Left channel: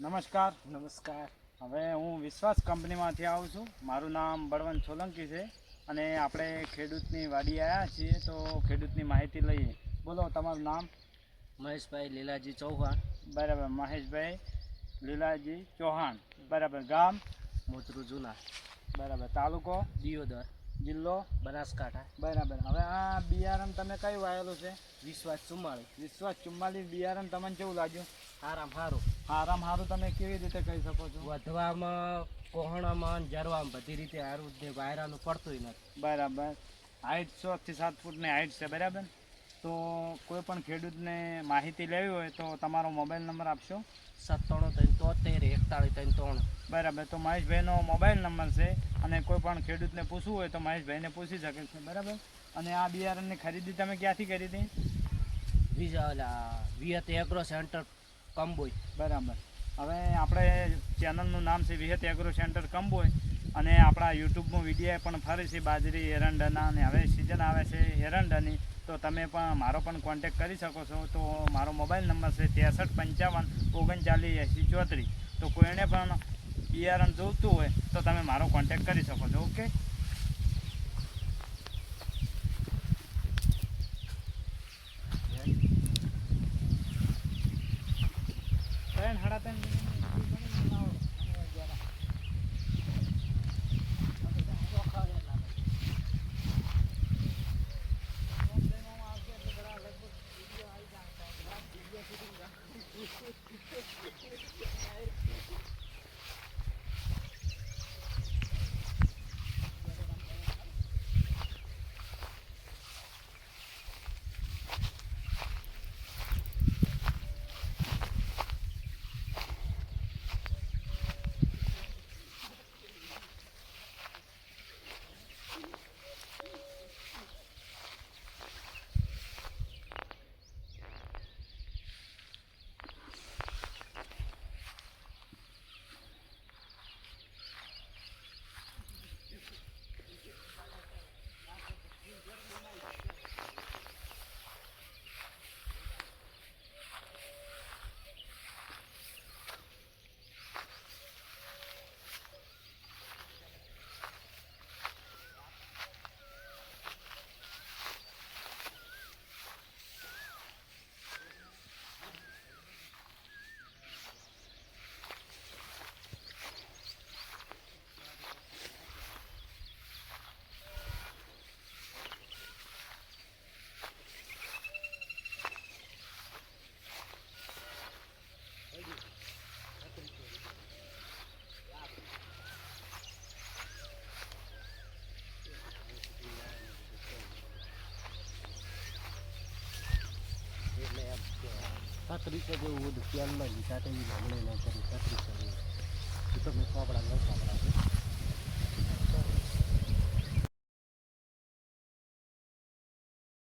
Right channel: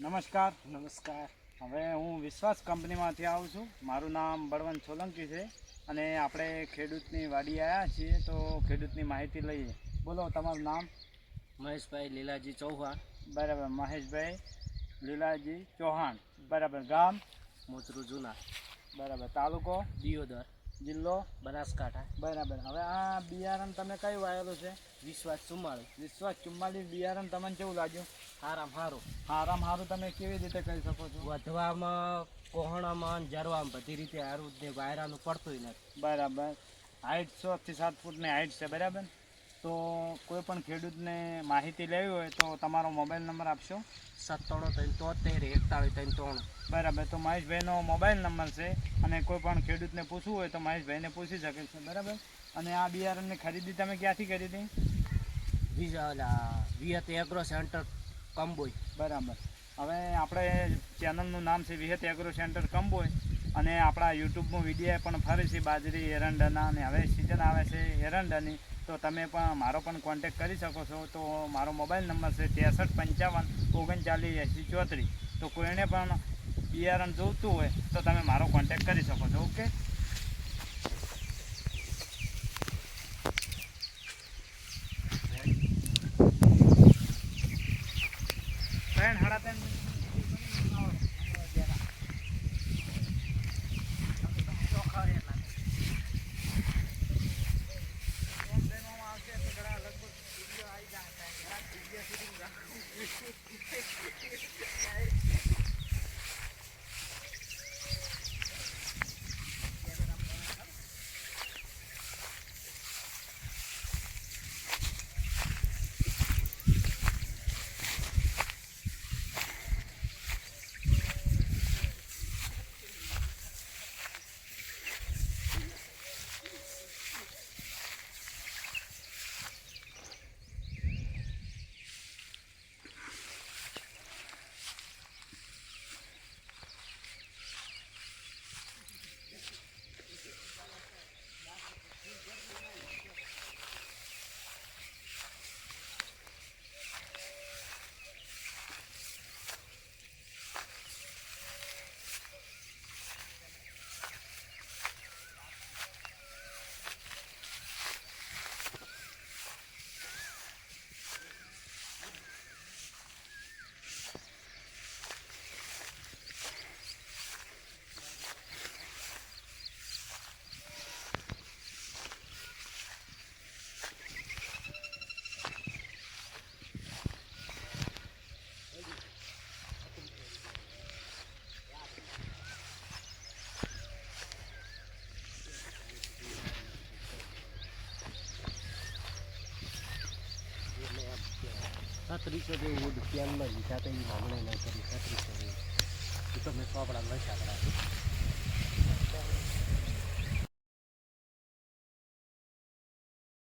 નમસ્કાર. નમસ્કાર. હવે હું વિશ્વાસ કંપનીમાંથી આવું છું. મારું નામ બળવંત સોલંકી છે અને આપણે ખેડૂતની વાડી આવ્યા છીએ, તો ખેડૂતની માહિતી લઈએ. બોલો તમારું નામ? મહેશભાઈ લીલાજી ચૌહાણ. બરાબર, મહેશભાઈ લીલાજી ચૌહાણ. બરાબર, ગામ? મોતરું જૂના. બરાબર, તાલુકો? દિયોદર. જિલ્લો? બનાસકાંઠા. બરાબર. હવે આ બિયારણ તમે કયું વાવેલું છે? વિશ્વાસ 44. વિશ્વાસ 44 બિયારણ તમને કેવું લાગ્યું? હારામ હારું. હારામ હારું તમે કેવી રીતે કહી શકો છો? વધવામાં, કોહણામાં, જરવામાં બધી રીતે હારું ને વાયરાનું પડતું નથી. બરાબર. હાઈટ 6 થી 7 ફૂટની હાઈટ છે. બરાબર. તો કોઈ પણ ખેડૂતને માહિતી લેવી હોય તો તમારો મોબાઈલ નંબર આપશો? 97 બરાબર. તો મહેશભાઈનો મોબાઈલ નંબર છે અને કોઈ પણ ખેડૂતને પૂછવું હોય તો મહેશભાઈને પૂછી શકે છે. બરાબર. અને આ બિયારણની ખરીદી તમે ક્યાંથી કરી હતી? વિહત એગ્રો સેન્ટર કંબોઈ. બરાબર. હવે આપણે ચેનલનું નામ છે વિહત એગ્રો સેન્ટર કંબોઈ અને આપણા યુટ્યુબમાં વિડીયો પણ ફરે છે બાજરી એરંડાના, અને હવે સિઝન આવે છે એરંડાની, તો તમે પણ મારો પણ કોન્ટેક કરી શકો છો. તો મારો મોબાઈલ નંબર છે 63 55 39 80 34. તો કોઈને પણ બિયારણ જોઈતું હોય તો તમે મારો કોન્ટેક કરી શકો છો. ઓકે. છત્રીસો જેવું ધ્યાનમાં લીધા તો એ નામણે ન કરી 3600 જેવું. એ તો મેં ચોપડા લખ્યા.